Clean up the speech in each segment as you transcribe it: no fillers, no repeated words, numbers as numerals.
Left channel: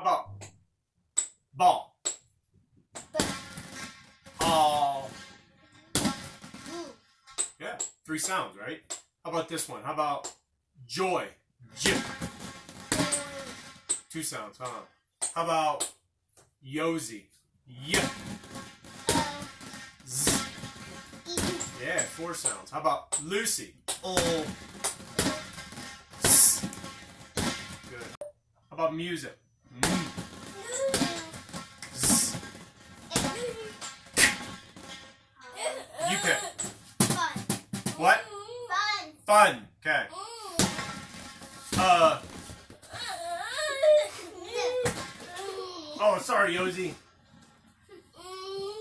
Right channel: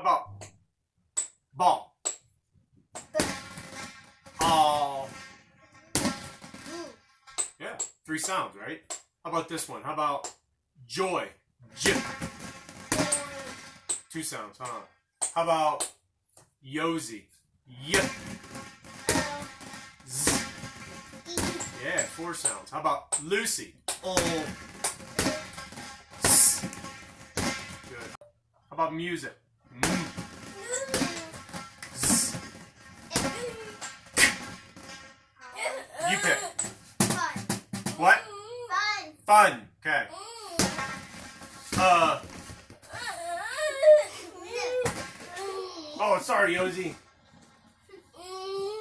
How about ball? All. Yeah, 3 sounds, right? How about this one? How about joy? J. 2 sounds, huh? How about Yosi? Y. Z. Yeah, 4 sounds. How about Lucy? O. S. Good. How about music? M. Z. You pick. Fun. What? Fun. Okay. Oh, sorry, Yosi.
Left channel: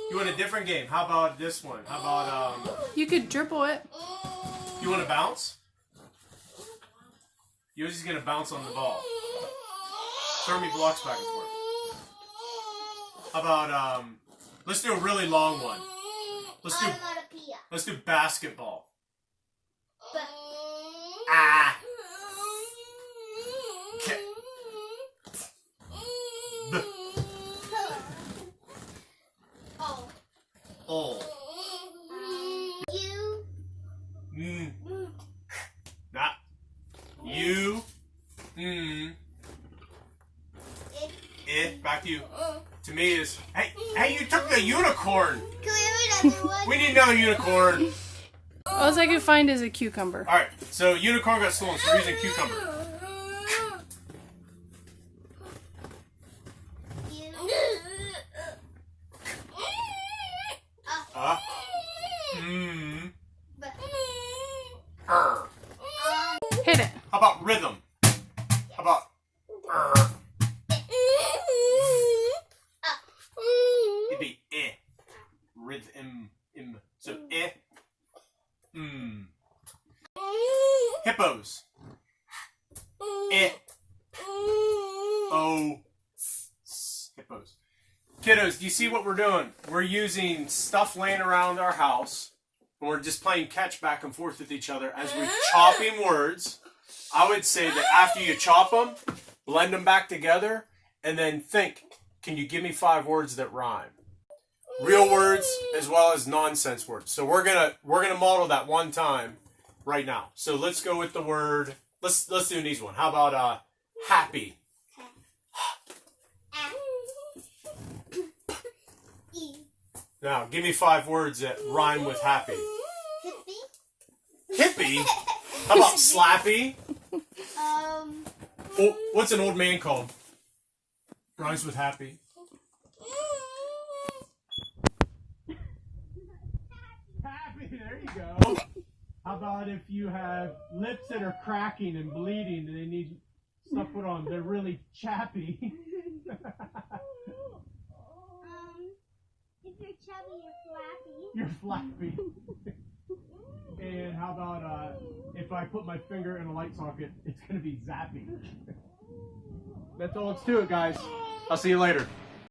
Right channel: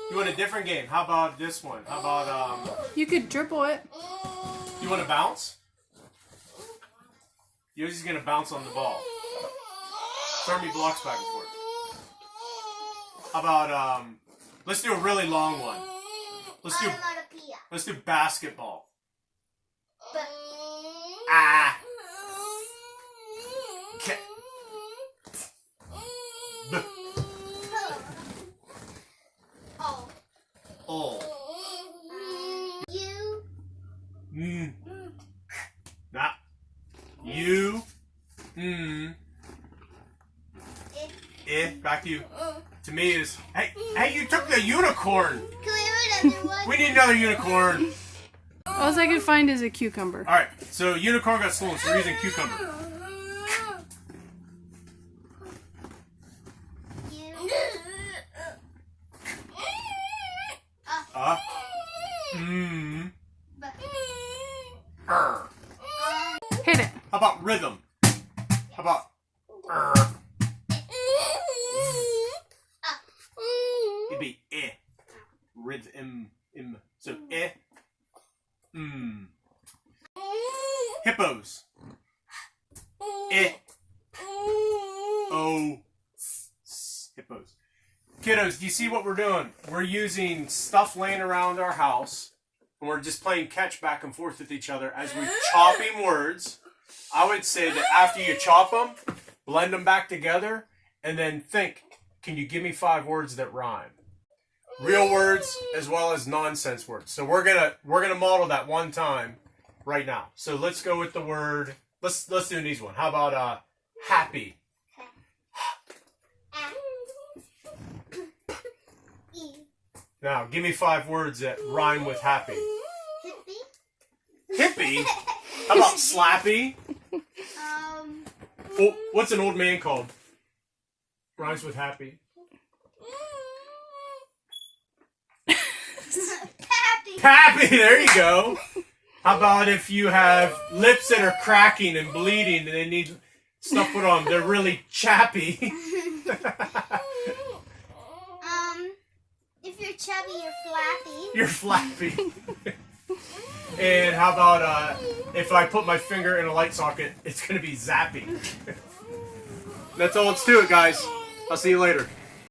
You want a different game? How about this one? How about You could dribble it. you want to bounce? Yosi's gonna bounce on the ball. Throw me blocks back and forth. How about let's do a really long one. Let's do basketball. Ah. Okay. B. Oh. You. Not you. Back to you. To me is hey, you took the unicorn. Can we have another one? We need another unicorn. All I can find is a cucumber. All right, so unicorn got stolen, so we're using cucumber. Hit it. How about rhythm? How about it'd be rhythm. So hippos. Hippos. Kiddos, do you see what we're doing? We're using stuff laying around our house, and we're just playing catch back and forth with each other as we're chopping words. I would say that after you chop them, blend them back together, and then think, can you give me 5 words that rhyme? Real words as well as nonsense words. So we're gonna model that one time right now. So let's go with the word. Let's do an easy one. How about happy? Now give me 5 words that rhyme with happy. Hippie? How about slappy? Oh, what's an old man called? Rhymes with happy. Happy, there you go. How about if you have lips that are cracking and bleeding and they need stuff put on? They're really chappy. If you're chubby, you're flappy. You're flappy. And how about if I put my finger in a light socket, it's going to be zappy. That's all let's do it, guys. I'll see you later.